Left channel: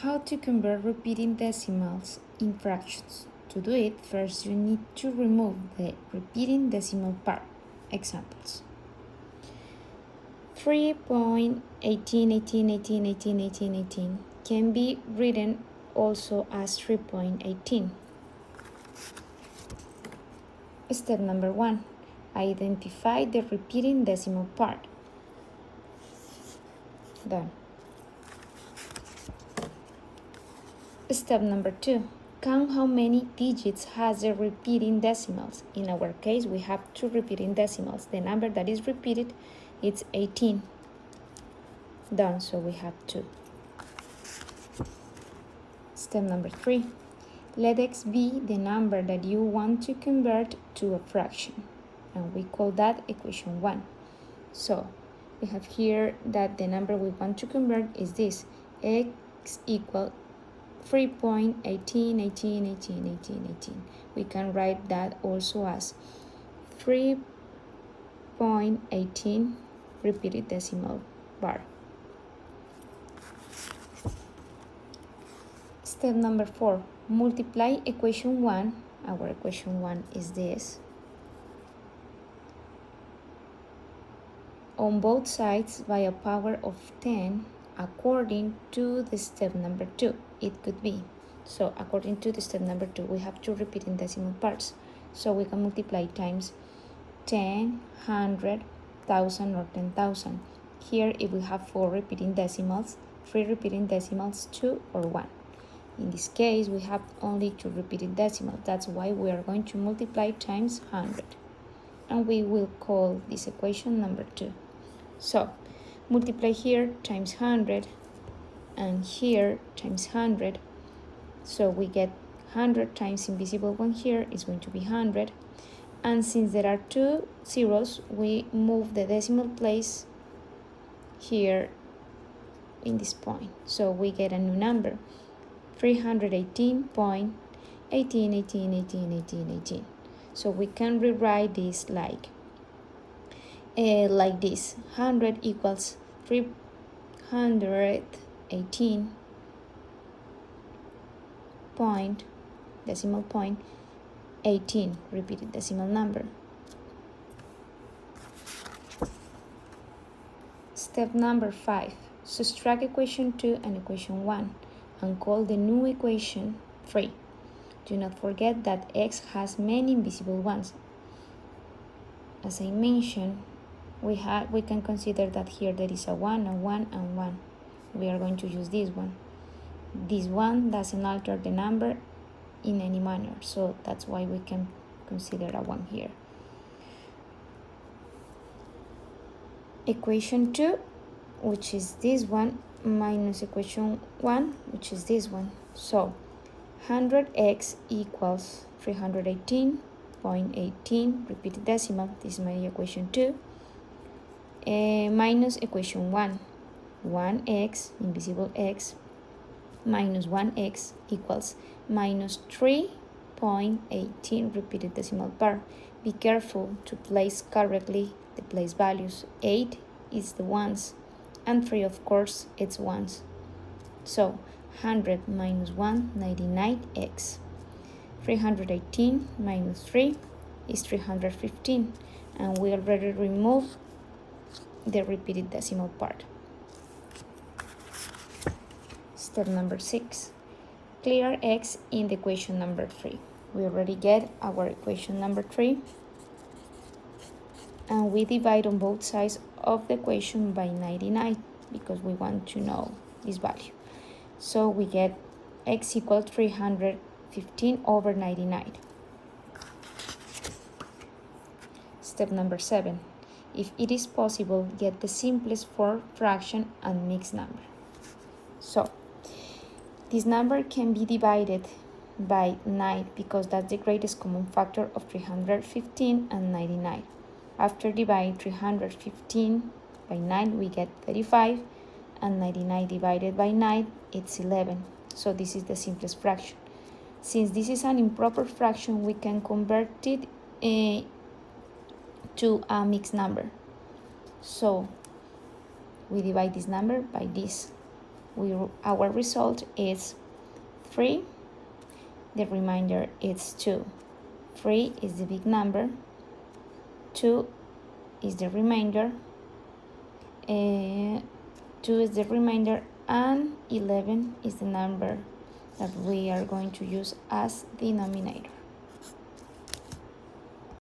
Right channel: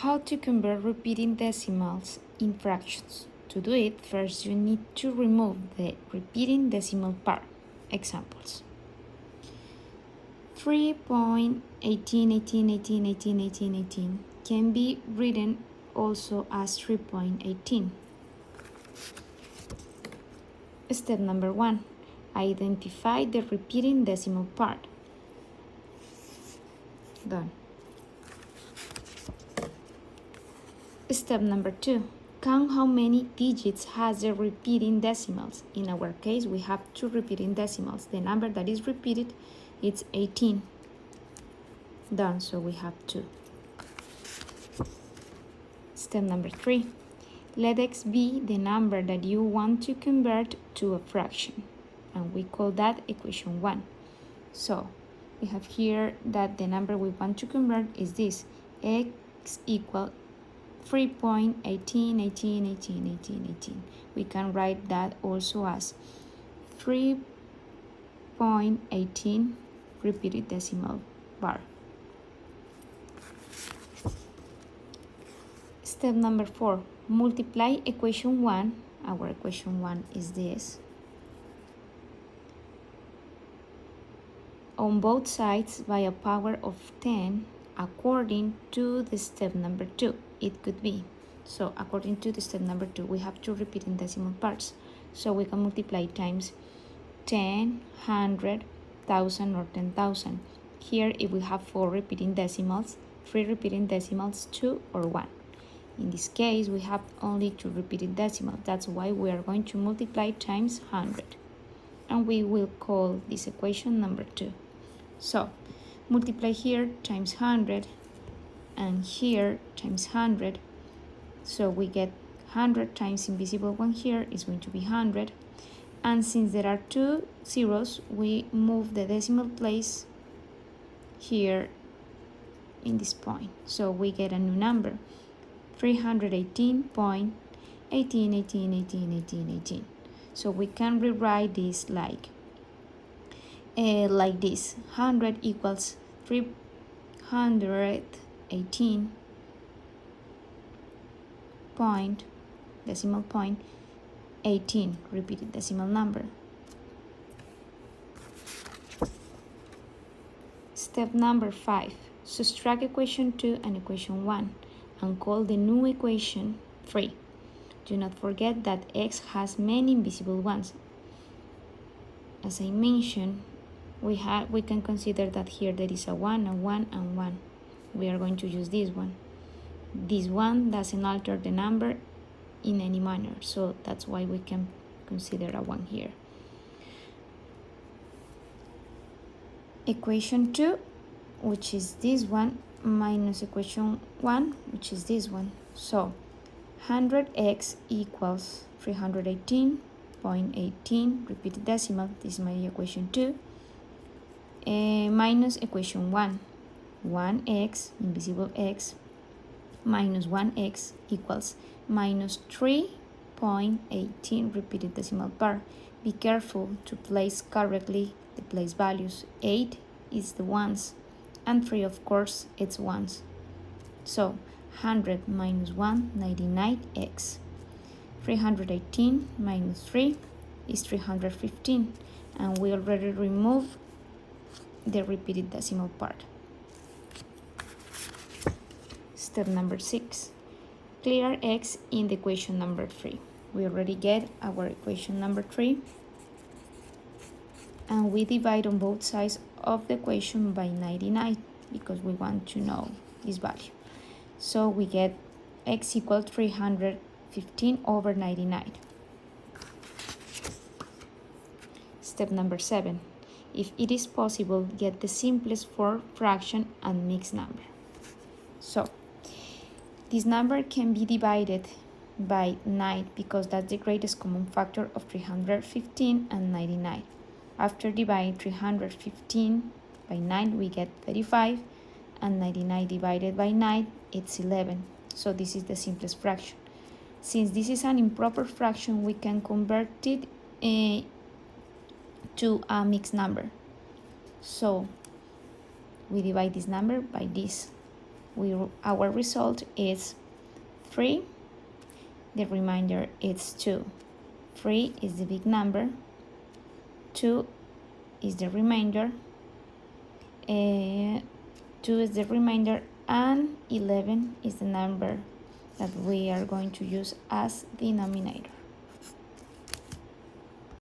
How to convert repeating decimals in fractions. To do it, first you need to remove the repeating decimal part. Examples. 3.18 can be written also as 3.18. Step number 1. Identify the repeating decimal part. Done. Step number 2. Count how many digits has the repeating decimals. In our case, we have 2 repeating decimals. The number that is repeated is 18. Done, so we have 2. Step number 3. Let x be the number that you want to convert to a fraction, and we call that equation 1. So we have here that the number we want to convert is this, x equal 3.18. We can write that also as 3.18 repeated decimal bar. Step number 4. Multiply equation 1. Our equation 1 is this. On both sides by a power of 10 according to the step number 2. It could be. So according to the step number 2, we have 2 repeating decimal parts. So we can multiply times 10, 100, 1000 or 10,000. Here if we have 4 repeating decimals, 3 repeating decimals, 2 or 1. In this case, we have only 2 repeated decimals. That's why we are going to multiply times 100. And we will call this equation number 2. So, multiply here times 100 and here times 100. So we get 100 times invisible 1 here is going to be 100. And since there are 2 zeros, we move the decimal place here in this point. So we get a new number. 318.18. So we can rewrite this like this. 100 equals 318 point, decimal point, 18, repeated decimal number. Step number 5. Subtract equation 2 and equation 1. And call the new equation 3. Do not forget that x has many invisible ones. As I mentioned, we can consider that here there is a 1, a 1, and 1. We are going to use this one. This one doesn't alter the number in any manner, so that's why we can consider a 1 here. Equation 2, which is this one, minus equation 1, which is this one. So 100x equals 318.18 repeated decimal. This is my equation 2. Minus equation 1. 1x, invisible x, minus 1x equals minus 3.18 repeated decimal part. Be careful to place correctly the place values. 8 is the ones, and 3 of course it's ones. So 100 minus 1, 99x. 318 minus 3 is 315, and we already removed the repeated decimal part. Step number 6. Clear x in the equation number 3. We already get our equation number 3, and we divide on both sides of the equation by 99 because we want to know this value. So we get x equals 315 over 99. Step number 7. If it is possible, get the simplest for fraction and mixed number. So this number can be divided by 9 because that's the greatest common factor of 315 and 99. After dividing 315 by 9, we get 35, and 99 divided by 9, it's 11. So this is the simplest fraction. Since this is an improper fraction, we can convert it to a mixed number. So we divide this number by this. our result is 3. The remainder is 2. 3 is the big number, 2 is the remainder, 2 is the remainder, and 11 is the number that we are going to use as denominator.